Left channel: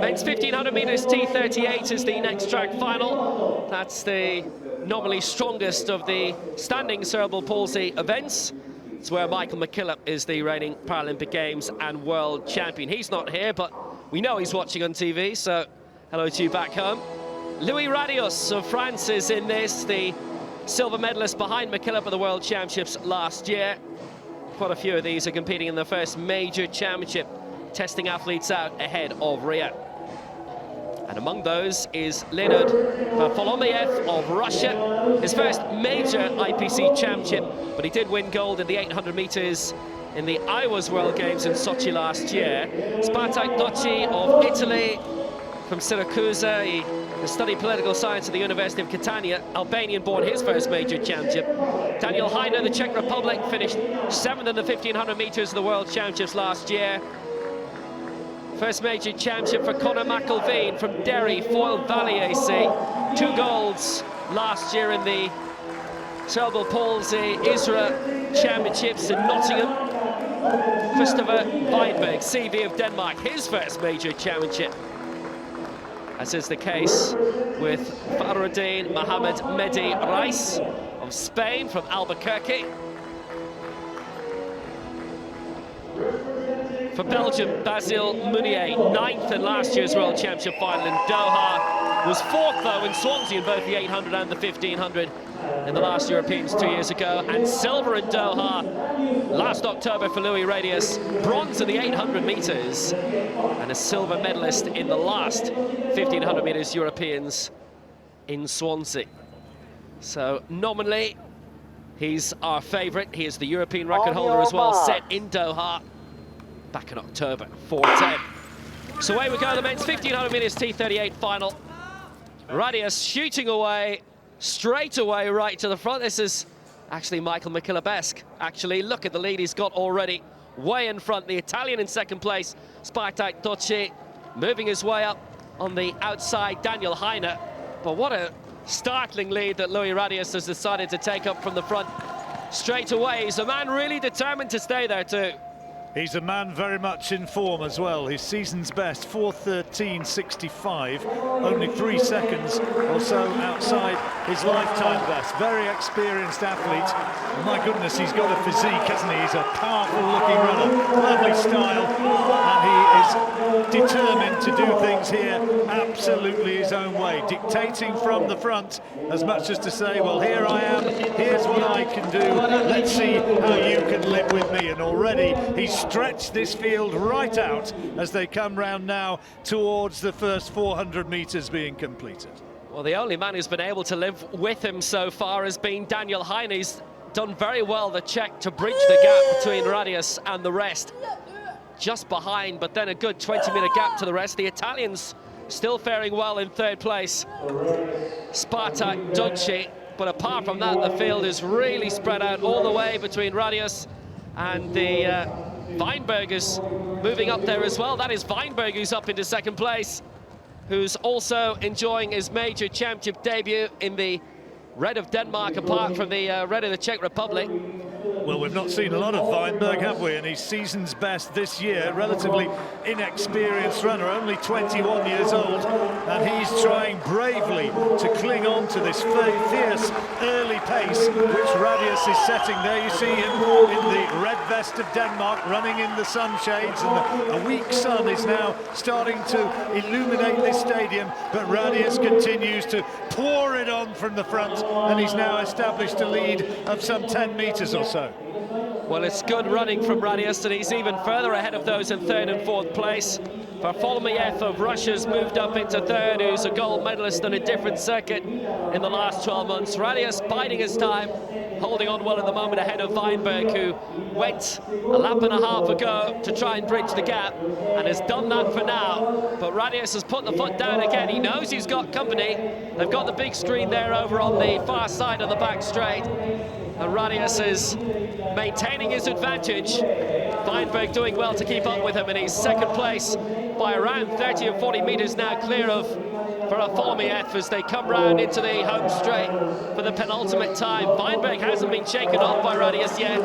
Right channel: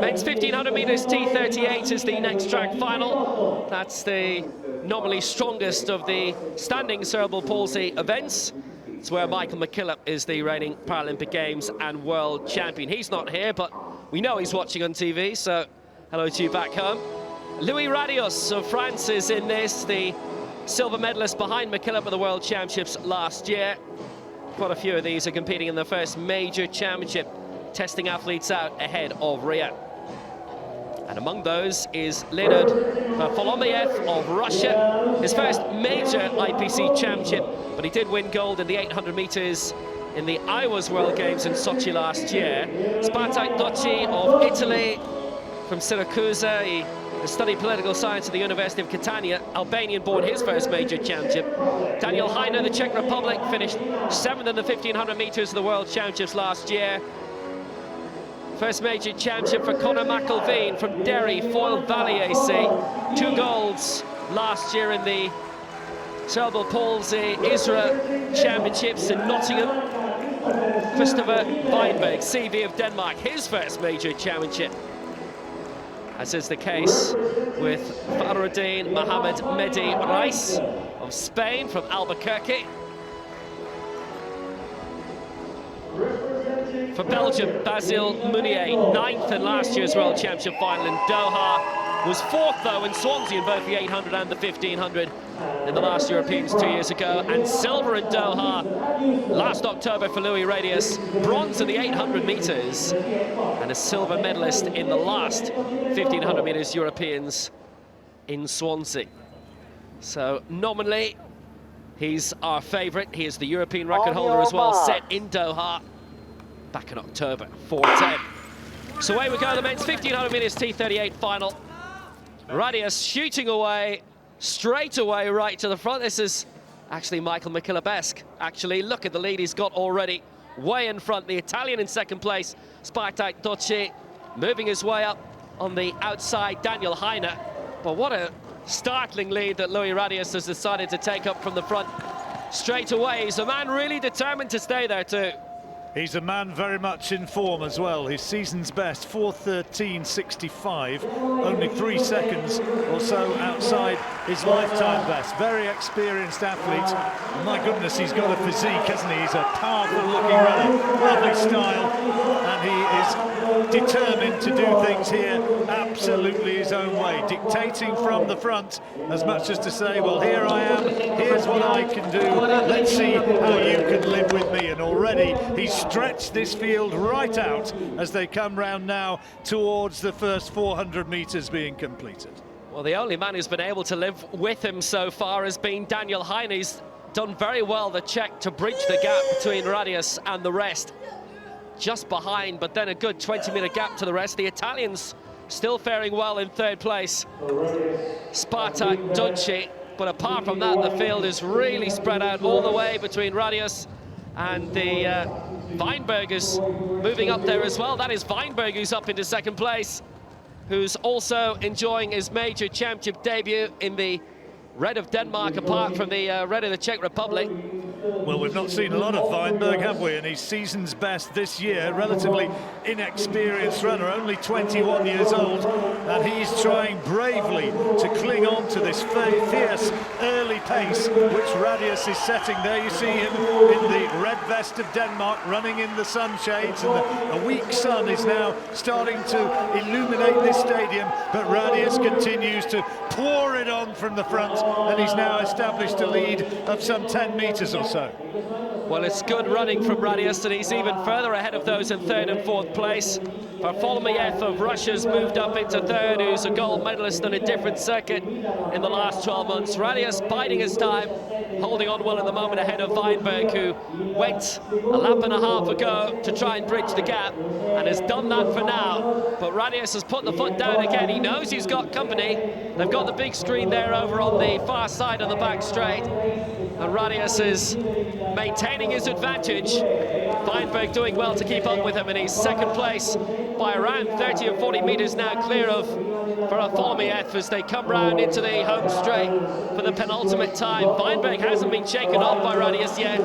Men's 1500 meters T38 is the next track final. That's the nominally strongest of the standing cerebral palsy events. It's where Michael McKillop is the reigning Paralympic Games and World Champion. He's not here, but we know he's watching on TV, so hello to you back home. Louis Radius of France is in this, the silver medalist behind McKillop at the World Championships last year. Quite a few of these are competing in the first major championship, testing athletes out ahead of Rio. And among those is Leonid VARFOLOMEEV of Russia. His first major IPC championship, but he did win gold in the 800 meters in the Iowa's World Games in Sochi last year. Christoffer of Italy, from Syracuse. He studied political science at the University of Catania. Albanian-born, his first major championship. Daniel Heine, the Czech Republic, finished 7th in the 1500 meters of the World Championships last year. First major championship for Conor McElveen from Derry, Foyle Valley AC. 2 golds last year in the cerebral palsy ISRA Championships in Nottingham. Christoffer VIENBERG, CV of Denmark, his first major championship. As is the case with Farouddin Mohamed Mehdi Reis of Spain from Albuquerque. For Belgium, Basile Mounier, 9th in last year's World Championship final in Doha. Was 4th, though, in Swansea in both the 800 and the 1500 in the last Europeans 2 years ago. And silver in Doha last October for Louis Radius. Bronze in the 800 meters. And a silver medalist in the last 1500 meters Europeans in Swansea. So, nominally, he's our favourite. He is the European record holder as well, set in Doha back in October, 4:10. So away we go, the men's 1500 meters T38 final. Radius shooting away, straight away right to the front. This is actually Michael McKillop-esque. Actually, look at the lead he's got already, way in front. The Italian in second place, Christoffer, moving his way up on the outside, Daniel Heine. But what a startling lead that Louis Radius has decided to take up from the front straight away. He's a man really determined to stay there too. He's a man very much in form as well. His season's best, 4:13.65, only 3 seconds or so outside his lifetime best. Very experienced athlete. My goodness, he's got a physique, hasn't he? He's a powerful-looking runner, lovely style, and he is determined to do things here absolutely his own way, dictating from the front as much as to say, well, here I am, here's what I can do, let's see how you can live with me. And already he's stretched this field right out as they come round now towards the first 400 meters being completed. Well, the only man who's been able to live with him so far has been Daniel Heine. He's done very well, the Czech, to bridge the gap between Radius and the rest. Just behind, but then a good 20-meter gap to the rest. The Italians still faring well in 3rd place, Christoffer. But apart from that, the field is really spread out all the way between Radius and the VIENBERG is moving up there as well. That is VIENBERG who's up into 2nd place, who's also enjoying his major championship debut in the red of Denmark, apart from the red of the Czech Republic. Well, we've not seen a lot of VIENBERG, have we? And he's season's best this year, relatively inexperienced runner, only 21 years old, and he's trying bravely to cling on to this fierce early pace which Radius is setting there. You see him in the red vest of Denmark, running in the sunshades, and a weak sun is now starting to illuminate this stadium, but Radius continues to pour it on from the front, and he's now established a lead of some 10 meters or so. Well, it's good running from Radius, and he's even further ahead of those in 3rd and 4th place. VARFOLOMEEV of Russia's moved up into 3rd, who's a gold medalist on a different circuit in the last 12 months. Radius biding his time, holding on well at the moment ahead of VIENBERG, who went a lap and a half ago to try and bridge the gap, and has done that for now. But Radius has put the foot down again. He knows he's got company. They've got the big screen there over on the far side of the back straight, and Radius is maintaining his advantage. VIENBERG doing well to keep up with him, and he's 2nd place by around 30 or 40 metres now clear of VARFOLOMEEV as they come round into the home straight for the penultimate time. VIENBERG hasn't been shaken off by Radius yet.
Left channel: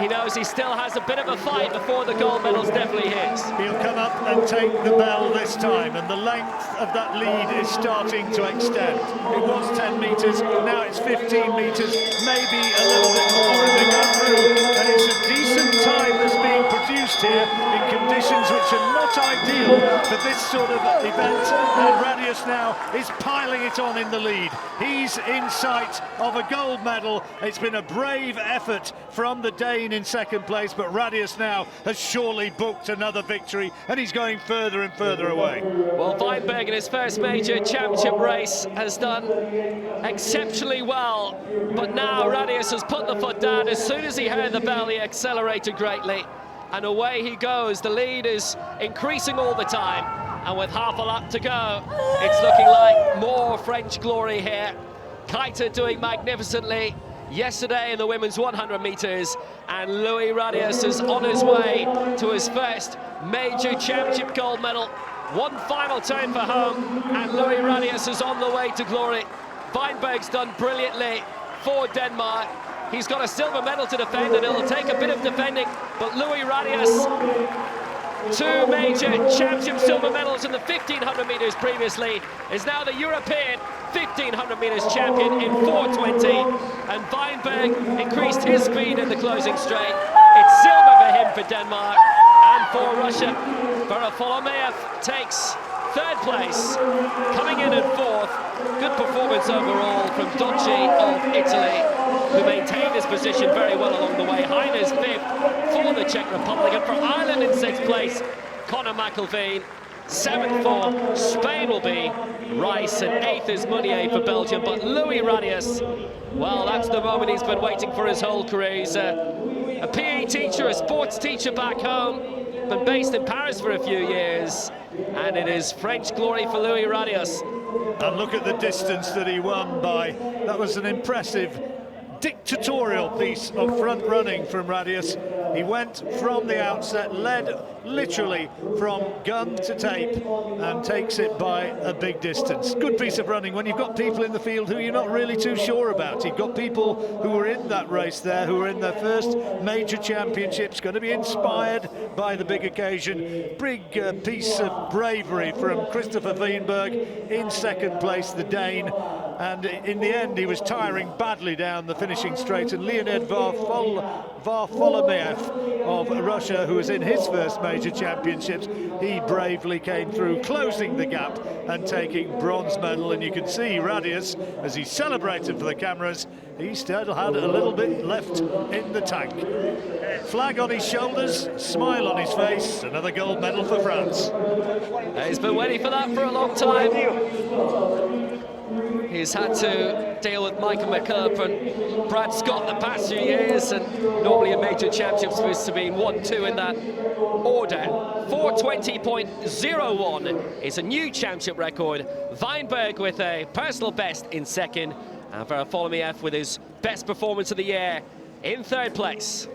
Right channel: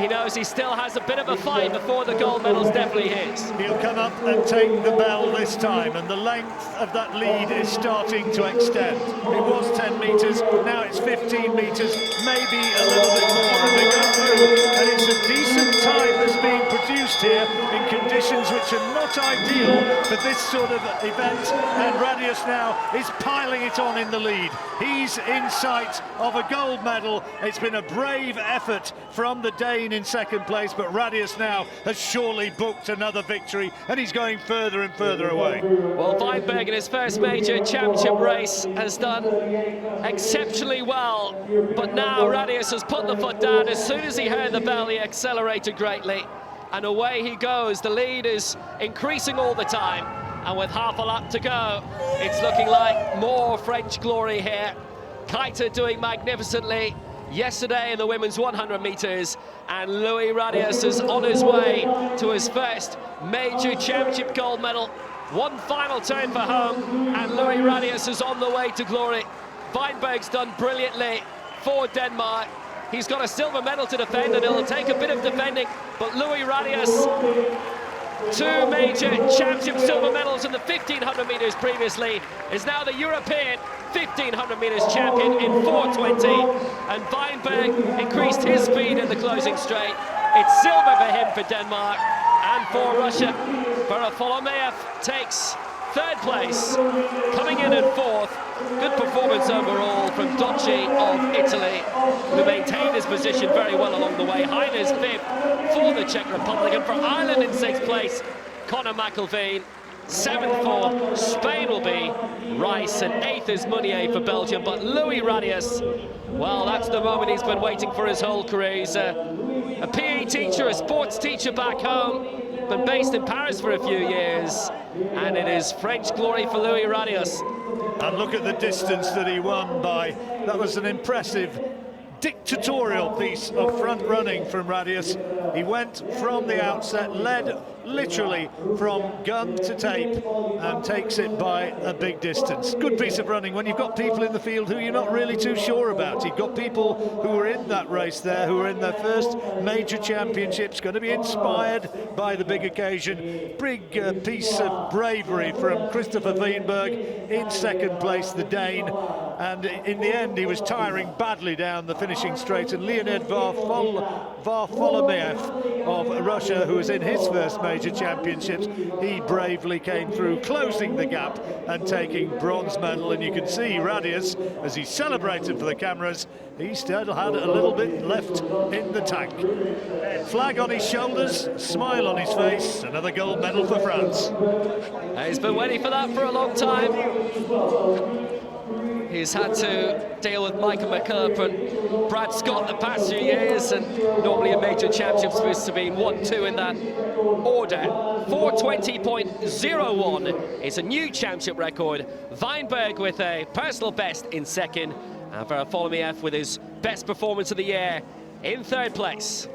He knows he still has a bit of a fight before the gold medal's definitely his. He'll come up and take the bell this time, and the length of that lead is starting to extend. It was 10 metres, now it's 15 metres, maybe a little bit more, and they go through, and it's a decent time that's being produced here in conditions which are not ideal for this sort of event, and Radius now is piling it on in the lead. He's in sight of a gold medal. It's been a brave effort from the Dane in second place, but Radius now has surely booked another victory, and he's going further and further away. Well, VIENBERG in his first major championship race has done exceptionally well, but now Radius has put the foot down. As soon as he heard the bell, he accelerated greatly, and away he goes. The lead is increasing all the time, and with half a lap to go, it's looking like more French glory here. Keita doing magnificently yesterday in the women's 100 metres, and Louis Radius is on his way to his first major championship gold medal. One final turn for home, and Louis Radius is on the way to glory. VIENBERG's done brilliantly for Denmark. He's got a silver medal to defend, and it'll take a bit of defending, but Louis Radius, 2 major championship silver medals in the 1500 metres previously, is now the European 1500 metres champion in 4:20, and VIENBERG increased his speed in the closing straight. It's silver for him for Denmark, and for Russia, VARFOLOMEEV takes 3rd place, coming in at 4th. Good performance overall from Docci of Italy, who maintained his position very well along the way. Heine's 5th for the Czech Republic, and for Ireland in 6th place, Conor McIlveen. 7th for Spain will be Rice, and 8th is Meunier for Belgium. But Louis Radius, well, that's the moment he's been waiting for his whole career. He's a PE teacher, a sports teacher back home, been based in Paris for a few years, and it is French glory for Louis Radius. And look at the distance that he won by. That was an impressive dictatorial piece of front running from Radius. He went from the outset, led literally from gun to tape, and takes it by a big distance. Good piece of running when you've got people in the field who you're not really too sure about. You've got people who were in that race there, who are in their first major championships, going to be inspired by the big occasion. Big piece of bravery from Christoffer VIENBERG in second place, the Dane. And in the end, he was tiring badly down the finishing straight. And Leonid VARFOLOMEEV of Russia, who was in his first major championships, he bravely came through, closing the gap and taking bronze medal. And you can see Radius, as he celebrated for the cameras, he still had a little bit left in the tank. Flag on his shoulders, smile on his face, another gold medal for France. He's been waiting for that for a long time. He's had to deal with Michael McKillop and Brad Scott the past few years, and normally a major championship supposed to be 1-2 in that order. 4:20.01 is a new championship record. VIENBERG with a personal best in second, and VARFOLOMEEV with his best performance of the year in 3rd place.